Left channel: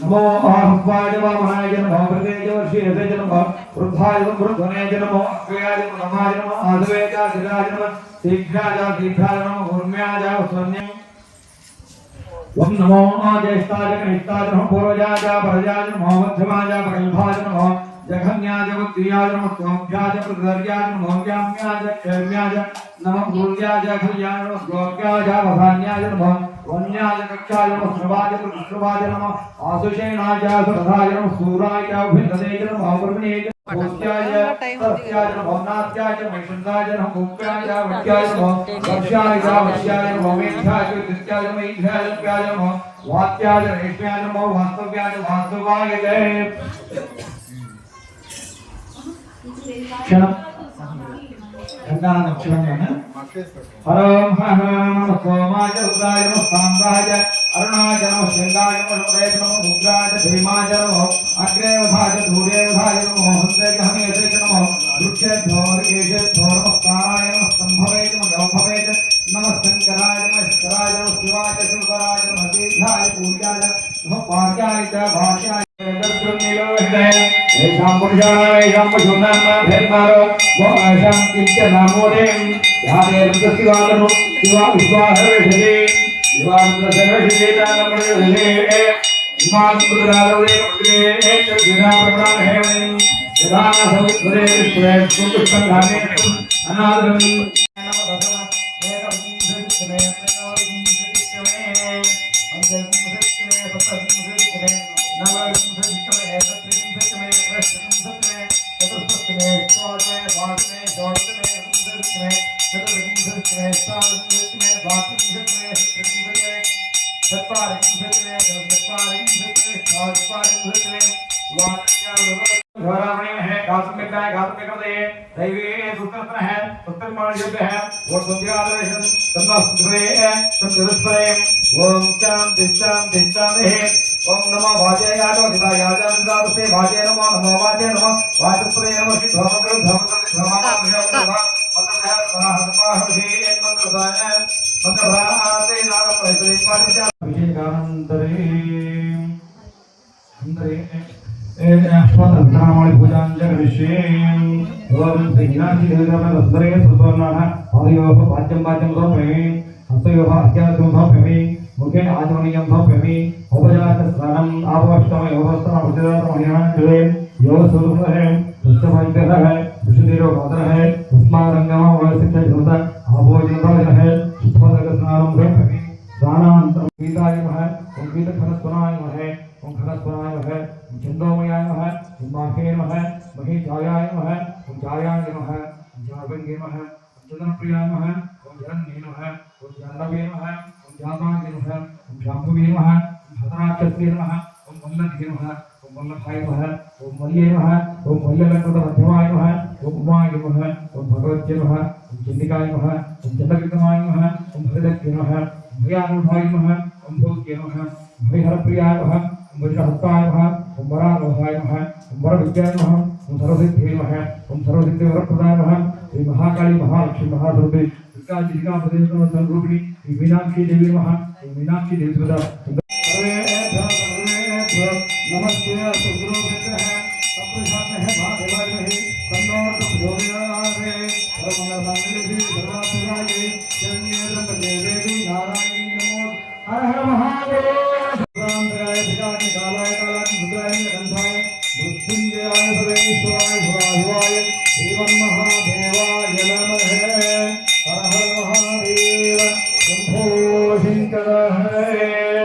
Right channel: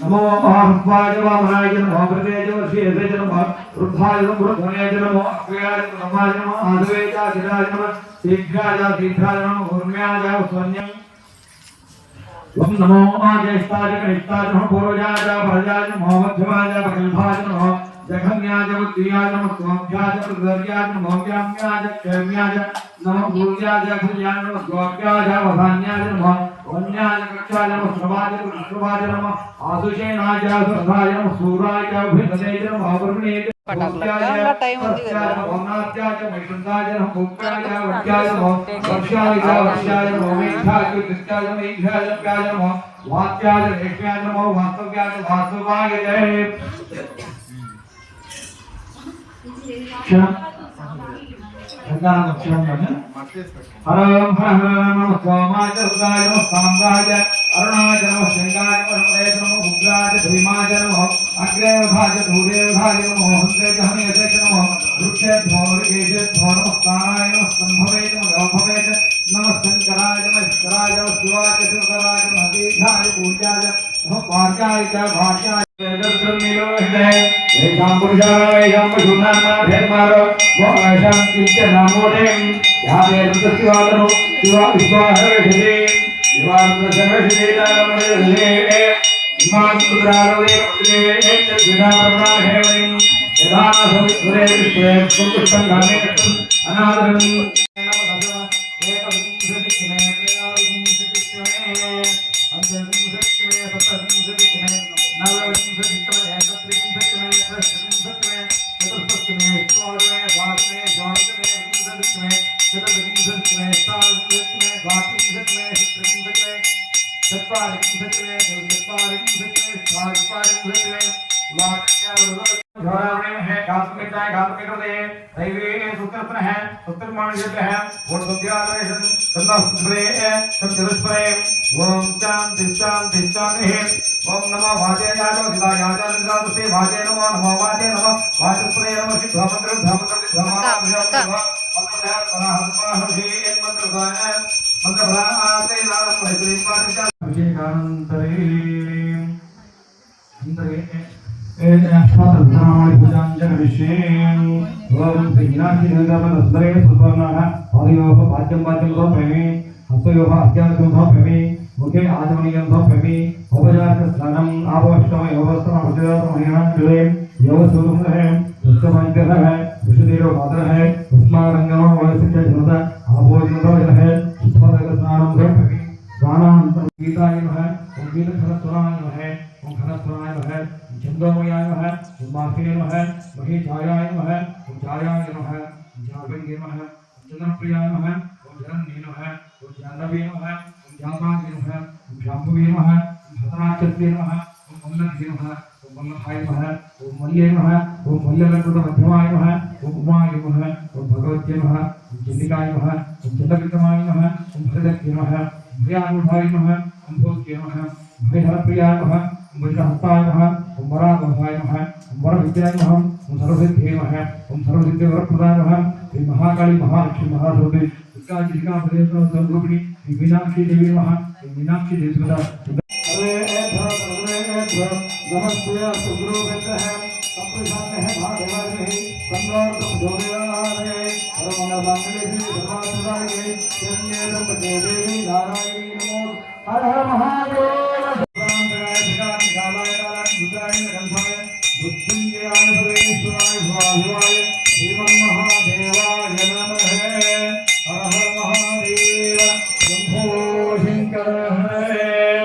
नमो आह्वाय वामनाय नमो कृतेय वर्षेय नमो वृद्धाय नमो वृद्धनाय नमो अग्रयाय नमो नमाय नमो आधुवेय गिराय नमो शीघ्राय दीर्घाय नमो गुरुम्याय स्वन्यं ओम नमो आजयस्ताय कनिष्ठाय नमो पूर्वजाय परजाय नमो मध्यमाय प्रगल्भाय नमो जघन्याय बुद्धियाय नमो त्वभ्याय प्रगर्याय नमो व्याम्याय क्षेम्याय नमो भूयाय खल्याय नमो द्वाभ्याय वधान्याय नमो वन्याय कक्षाय नमो श्रवाय कृष्णवाय नमो आसुषेणाय सर्वाय नमो सूराय अभिधनेय नमो अवर्णेय చాలా టైం ఉంది కదా भवनात्याय मैषुन्दाय नमो मुक्ताय वक्याय नमो वर्षाय वर्षाय नमो मेघाय कृत्याय नमो ईघाय नमो नमो वात्याय रेष्म्याय नमो वास्तव्याय वास्तवाय जय क्षणं हरं हर नमः सोमाय रुद्राय नमः सांबाय अरुणाय नमः शृंगाय नमः उदय नमः उग्राय भीमाय नमः अग्रेवधाय धूरेवधाय नमः हंसे हमेशे नमः वृक्षेभ्यो ऋषेभ्यो नमः काणाय नमः संभवे नमः गौभवे नमः शंकराय नमः ईश्वराय नमः शिवाय शंकराय नमः दीर्घाय पूज्याय नमः भाग्याय च भाग्याय ओम नमो वाजयाय गदायाय गदासे वाजय नमो नमो वाजय नमो वाजस्प्रे नमो श्री भवमंत्र भवमंत्र मुखे आचमनीयं भवमि उपजात स्नानम् आवश्यकम् एवस्त्रम् अवश्यकम् क्रिये योग सुदुः है सुष्ठमंत्र है सुषुदेव मात्र है उस्मारंगम वयस्क ज्योत आभोजन है सुष्ठमंत्र स्नानं भवमि स्नानानन्तरं गीताय नमः ओम गीत खरस्वराय नमः ओम खरस्वराय नमः छन्दोमयाय नमः माहे नमः महे जायाय नमः ओम जायाय नमः जावंगे नमः चंद्रप्रियाय नमः ओम धरण्ये नमः ओम जाह्नवे नमः जामाय नमः ओम शाम्भवे नमः ओम भद्राचले नमः ओम वल्लभे नमः ओम वल्लभाय नमः ओम मल्ले नमः ओम मल्लवंकृत मध्यमाय नमः ओम उमाय नमः ओम भगवत्यै नमः ओम चंडिकाय नमः ओम चंडविक्रमाय नमः ओम भरदत्यै नमः ओम भयानुभवाय नमः ओम भोग्ये नमः ओम हरिहरप्रियाय नमः ओम वज्रहस्ताय नमः ओम वरावहाय नमः ओम वरविद्याय नमः ओम सर्वसिद्धये नमः ओम सर्वसिद्धिवरप्रदाय नमः श्री महाकाली महालक्ष्मी महासरस्वती स्वरूपिणी मीनाक्षी देवी नमः मीनाक्षी देवी नमस्ते सुगुरुभ्यः सप्तशास्त्रः भागवते सम्राट भोजनारे परमनामले धर्मासुराये चन्येदं देवी नारायणी नमो हर हर महादेव रामराय भिकानि कालाय कालाय मुद्राय गंधाय मृत्युंजयाय सर्वेश्वराय भवाय श्रीमन् महादेवाय नमः हर हर महादेव शंभो शंकर है